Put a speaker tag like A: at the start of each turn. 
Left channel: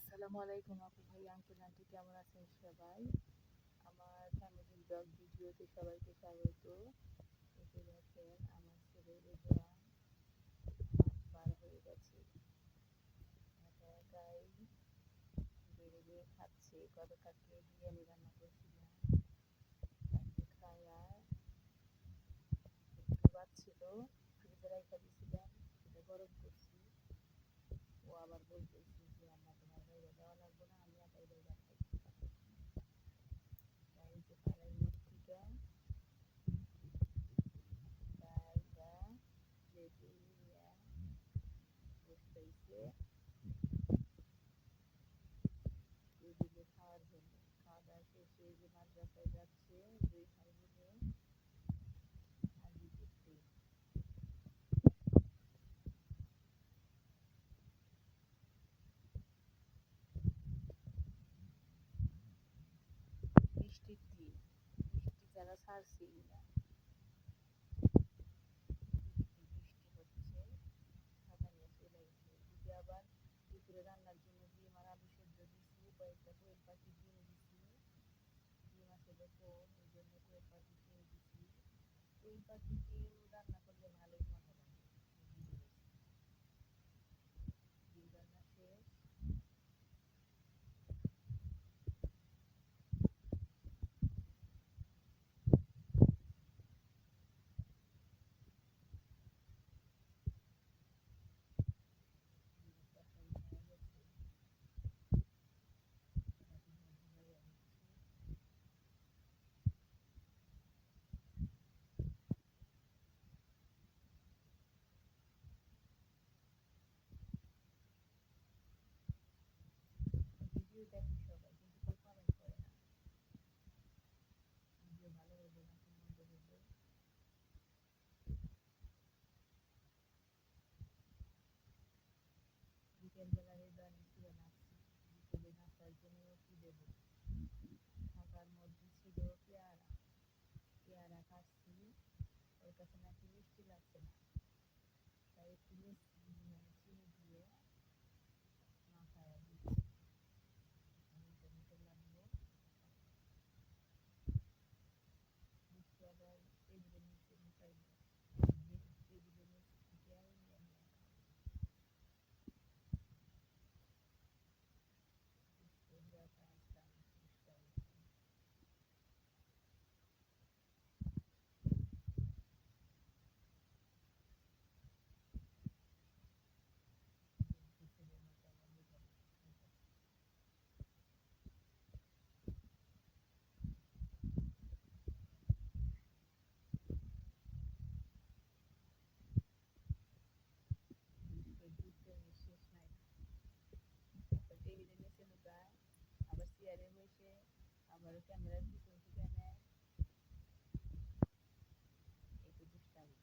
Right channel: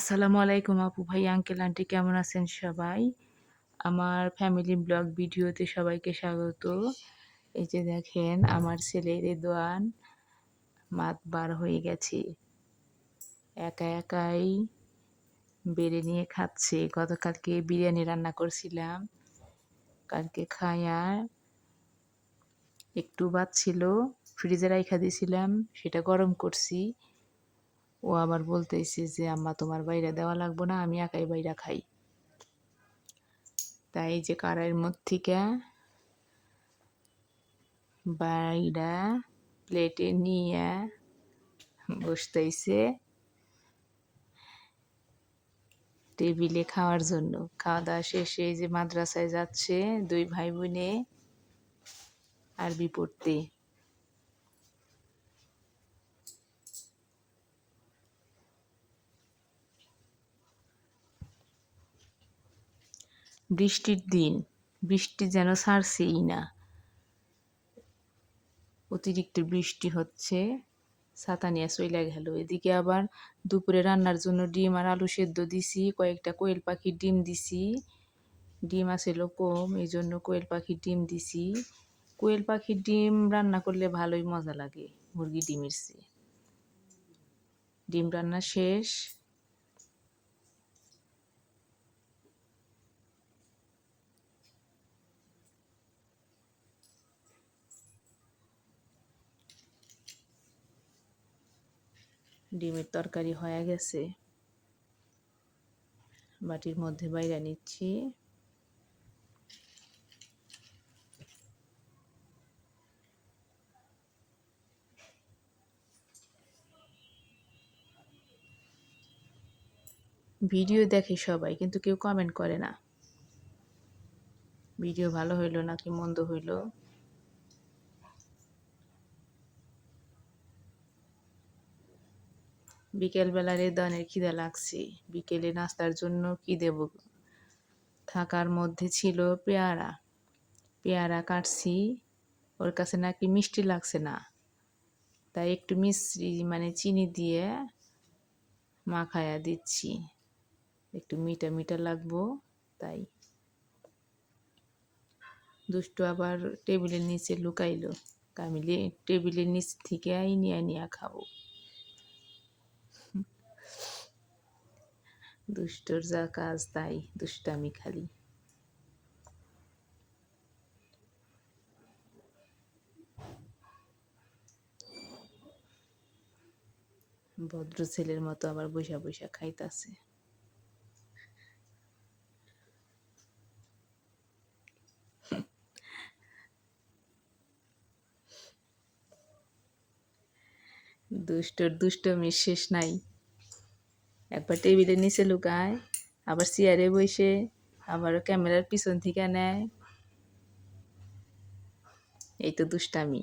A: আসসালামু আলাইকুম আপু ভাই আঙ্কেল আন্টি কেমন আছেন সবাই? আমার ফ্যামিলি ব্লগ ভিডিওতে সবাইকে স্বাগত। এই যে দেখেন, আমার ছেলের দোয়ান মাত বার হয়ে গেছে। একা একাই বেড়ে নিয়ে খাচ্ছে। গতকালকে বিরিয়ানি রান্না করছিলাম। কালকে খায়া একটু বাদ ছিল। ফ্রিজে রাইখা দিয়েছিলাম সেটা গরম করছি। ও আবার বলতেছে যে, আম্মা, তোমার বাইরে দেওয়া লাগবো না, আমি একাই বাইরে খাই। তাই যে কারাইয়ের মধ্যে থেকে বাইরা প্লেটে নিয়ে বসতেছে টেবিলে খাওয়ার জন্য। খাওয়া দাওয়া শেষে যে মাদ্রাসায় যাচ্ছে দুই ভাই বোনে আরবি পড়তে বৃষ্টির দিন। বৃষ্টি যেন ছাড়ছেই না। অতিরিক্ত বৃষ্টি হচ্ছে ছাতা নিয়ে চইলা গেল। এদিকে আবার দুপুরে রান্নার জন্য ডিম আর আলু সেদ্ধ দিছি, কয়েকটা কোয়েল পাখির ডিম দিছি। ডিম আসিল কম এই জন্য কোয়েল পাখির ডিম দিছি। কোয়েল পাখির ডিম রান্না করলে ভালোই মজা লাগে, মুরগি ডিমের চেয়ে। ডিম রান্না শেষ। ডিমের তরকারি হয়ে গেছে। বাটির মধ্যে বাইরে নিচ্ছি। ভিডিও দেখে সবাই, কিন্তু কেউ কমেন্ট করে না। ভিডিও ভালো হইল নাকি মন্দ হইল? বিকেলবেলার এই দানের খিদে লাগছে। বিকেলে নাস্তার জন্য কি দেব? থাকার মধ্যে ছিল পেয়ারা। পেয়ারা কাটছি। ওর কাছে নাকি মিষ্টি লাগছে না। তাই একটু মিশ্রি মানে চিনি দিয়ে মাখায়া দিচ্ছি। একটু মিঠা মিঠা লাগবো, তাই। দুষ্টু আবার টেবিলের নিচে লুকাইলো। কামিলে টেবিলের নিচ থেকে নিয়ে নিয়ে খাব। দুষ্টর যা কাজ, তাই দুষ্টামি খালি। ভদ্র ছেলের মতো আবার বৈশা বৈশা খাইতাছে। দুষ্টর দুষ্টমির শেষ নাই। একবার টেবিলের নিচে লুকায়, আবার চেয়ারে বসে আবার ক্যামেরার পিছন থেকে নেয়। এই তো দুষ্টামি।